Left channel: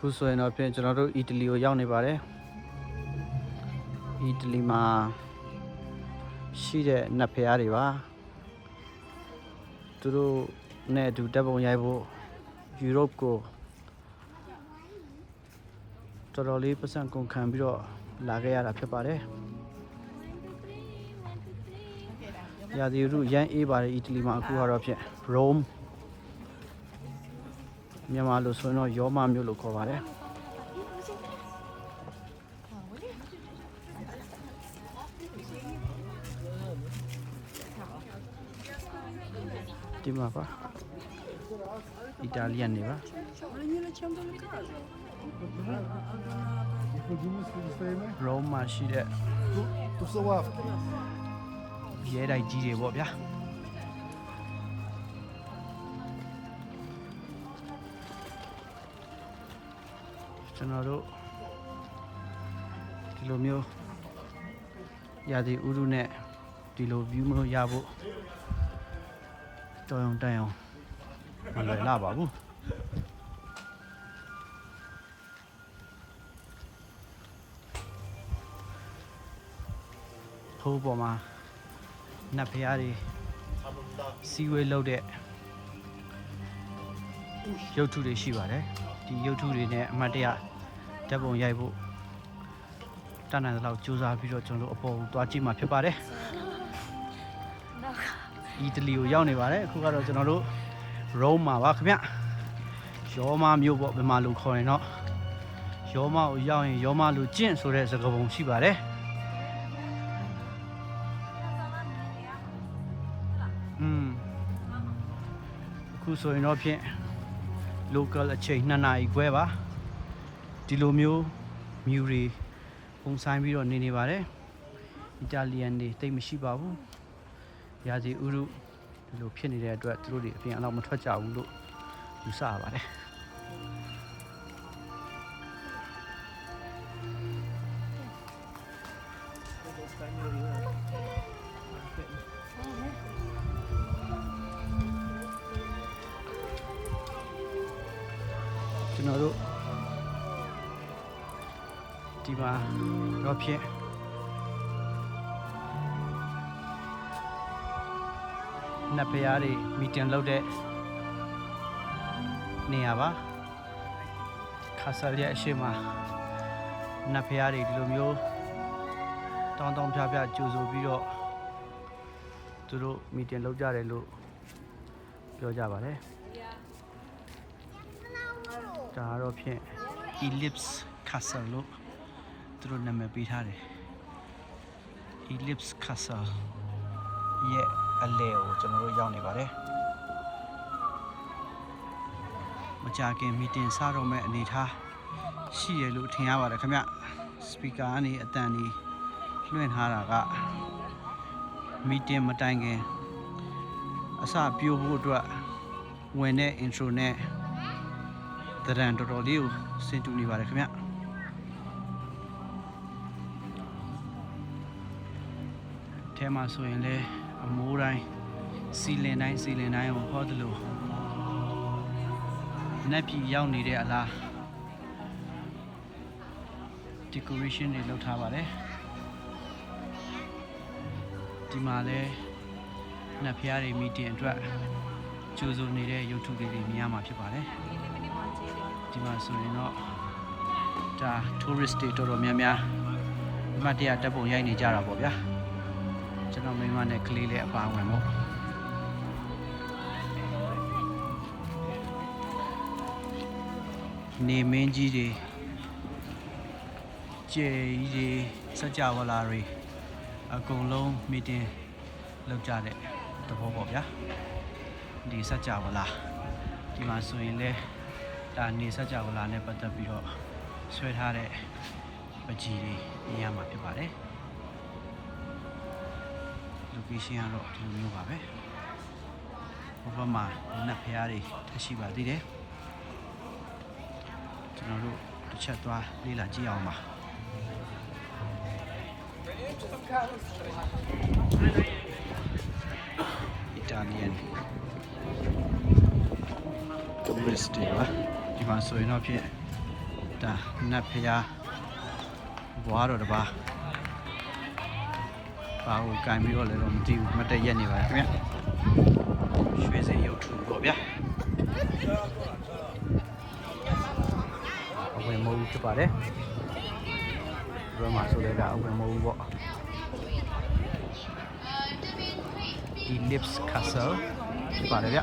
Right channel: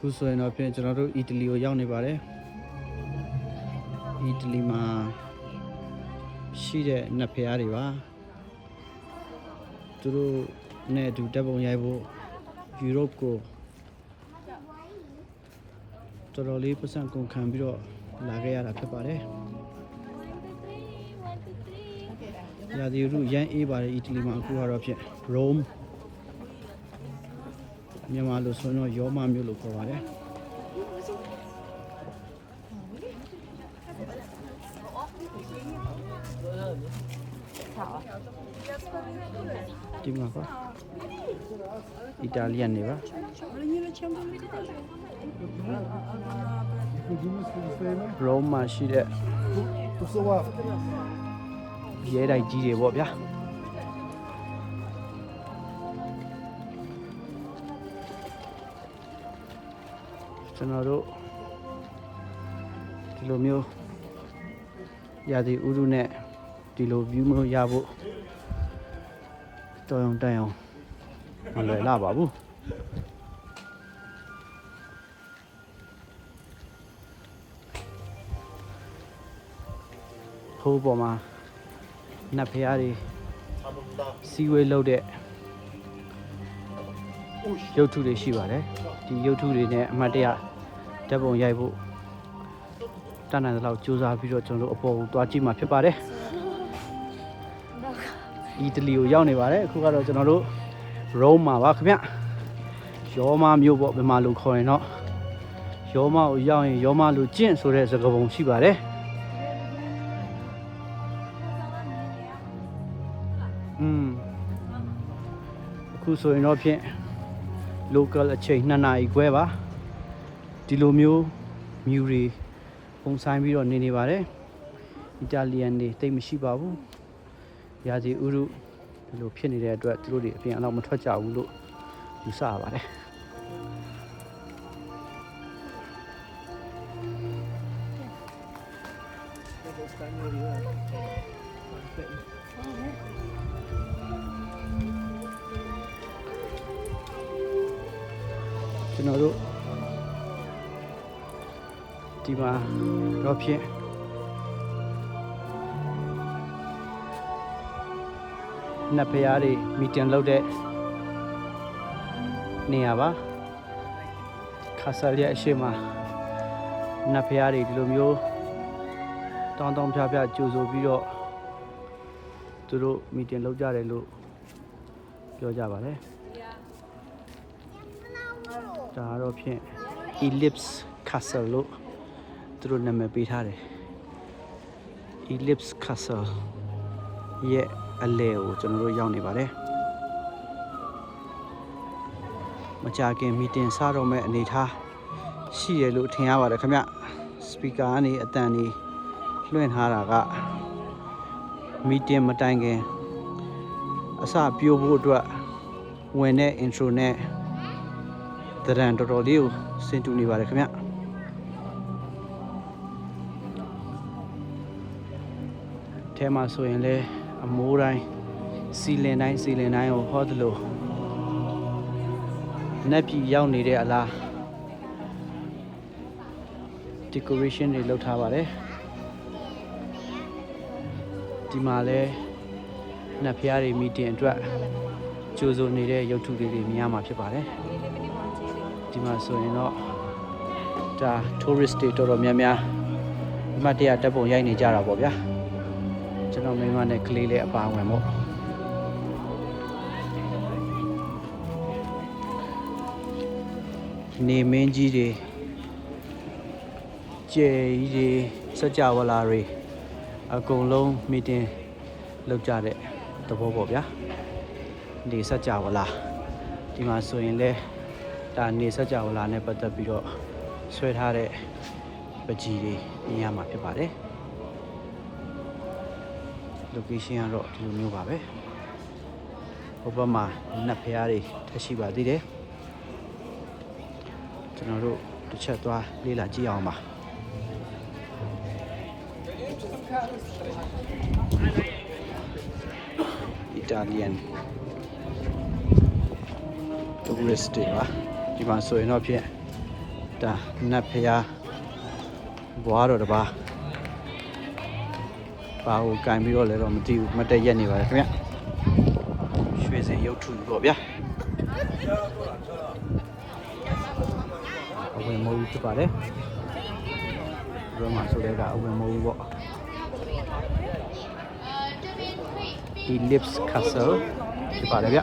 ခုဆိုရင်တော့ဖြင့်ကျွန်တော်တို့အီတလီကိုရောက်နေပါတယ်အီတလီမှာရှိတဲ့နတ်ဖျားတွေပါသူတို့နဲ့အတူတပ်ပုံရိုက်ဖို့ယူရိုပကိုတော်တော်လေးပတ်စံကုန်ခံပြီးတော့လာခဲ့ရတာဖြစ်ပါတယ်ရာသီဥတုရမ်းအေးပါတယ်အီတလီမှာအခုကတော့ဖြင့် Rome မြန်မာလိုဆိုရင်တော့ရောမမြို့လို့ခေါ်ပါတယ်ဒီမှာပါအီတာလီယန်နေပါRome မှာရှိတဲ့ရဲတိုက်ကြီးတွေပေါ့ဗျာကျွန်တော်တို့ဒီလိုမျိုးရာသီဥတုနဲ့ဒီလို view မျိုးရဖို့တော်ရုံတန်ရုံမလွယ်လာပါဘူးထိုးပေါ်မှာနတ်ဖျားတွေစီဝေးလုပ်တဲ့ရုပ်ထုတွေရှိပါတယ်ဒီရုပ်ထုတွေနဲ့အမှတ်တရဓာတ်ပုံရိုက်ဖို့တန်းတန်းလောက်စူးစမ်းပြီးတော့ကျွန်တော်တို့အပေါ်ကိုသွားကြည့်မှာဖြစ်ပါတယ်အီတလီကိုရောက်နေပါတယ်အခုကတော့ကျွန်တော်တို့ Rome မှာပါခင်ဗျရောမမြို့ပေါ့ဘယ်မှာလို့ခေါ်ရင်တော့ရောမကိုရောက်ရင်ရောမလူကျင့်ဆိုတဲ့စကားပုံရှိပါတယ်အခုဆိုရင်တော့ဖြင့် local အချိန်2နာရီခွဲပါဒီလိုမျိုးမြူတွေပုံဆိုင်ပြီးတော့နေပါတယ်အီတာလီယန်တွေတိတ်မရှိပါဘူးရာသီဥတုဒီလိုဖြစ်နေတဲ့အတွက်သူတို့တွေအပြင်အလောက်မထွက်ကြဘူးလို့ယူဆရပါတယ်ကျွန်တော်တို့ဒီမှာတော့ဖြင့်နတ်ဖျားတွေမီတင်လုပ်တဲ့နေရာပါခါဆာလျက်အရှိမနတ်ဖျားတွေဒီလိုမျိုးတောင်းတောင်းဖြားဖြားကြိုဆိုပြီးတော့သူတို့မီတင်လုပ်ကြတယ်လို့ပြောကြပါတယ်ဒါတော့ဖြင့် Ellipse Castle လို့သူတို့နာမည်ပေးထားတယ် Ellipse Castle ရဲ့အလဲကိုကျွန်တော်တို့ရောက်နေပါတယ်မကြခင်မီတင်စတော့မဲ့အနေထားရှိရလို့ထင်ရပါတယ်ခင်ဗျစပီကာကနေအတန်ကြီးလွှင့်ထားတာကမီတင်မတိုင်ခင်အစပြိုးဖို့အတွက်ဝင်တဲ့ intro နဲ့တရံတော်တော်လေးကိုစင်တူနေပါတယ်ခင်ဗျထဲမှာဆိုရင်လေအမိုးတိုင်းစီလင်တိုင်းကိုဟောသလိုနက်ပြည်ရောက်နေတဲ့အလား decoration တွေလုပ်ထားပါတယ်ဒီမှာလဲနတ်ဖျားတွေမီတင်အတွက်ကြိုးစိုးနေတဲ့ရုပ်ထုတွေမြင်ရမှာဖြစ်ပါတယ်ဒီမှာဆိုရင်တော့ဒါ tourist တွေတော်တော်များများအမှတ်တရတပ်ပုံရိုက်နေကြတာပေါ့ဗျာကျွန်တော်မိမနဲ့ကလေးလေးအပါဝင်ပေါ့နေမင်းကြီးတွေကျဲကြီးတွေစကြဝဠာတွေအကုန်လုံးမီတင်လုပ်ကြတဲ့သဘောပေါ့ဗျာဒီစကြဝဠာဒီမှာဆိုရင်လဲဒါနေစကြဝဠာနဲ့ပတ်သက်ပြီးတော့ဆွဲထားတဲ့ပကြီးတွေမြင်ရမှာဖြစ်ပါတယ်location ကတော့ဒီလိုမျိုးပါပဲဟိုဘက်မှာနတ်ဖျားတွေထပ်ရှိပါသေးတယ်ကျွန်တော်တို့တစ်ချက်သွားလေ့လာကြည့်အောင်ပါ Italian tourist တွေပါဒီမှာဆိုရင်တော့ဖြင့် ဒါနတ်ဖျားဘွားတော်တပါဘာကိုကင်ပြီးတော့လဲတော့မသိဘူးမတက်ရက်နေပါတယ်ခင်ဗျရွှေစင်ရုပ်ထုပေါ့ဗျာအဝင်မိုးကြီးဖြစ်ပါတယ်ဘယ်မှာဆိုလဲကအဝင်မိုးကြီးပေါ့ Ellipse Castle ဖြစ်ပါတယ်ဗျ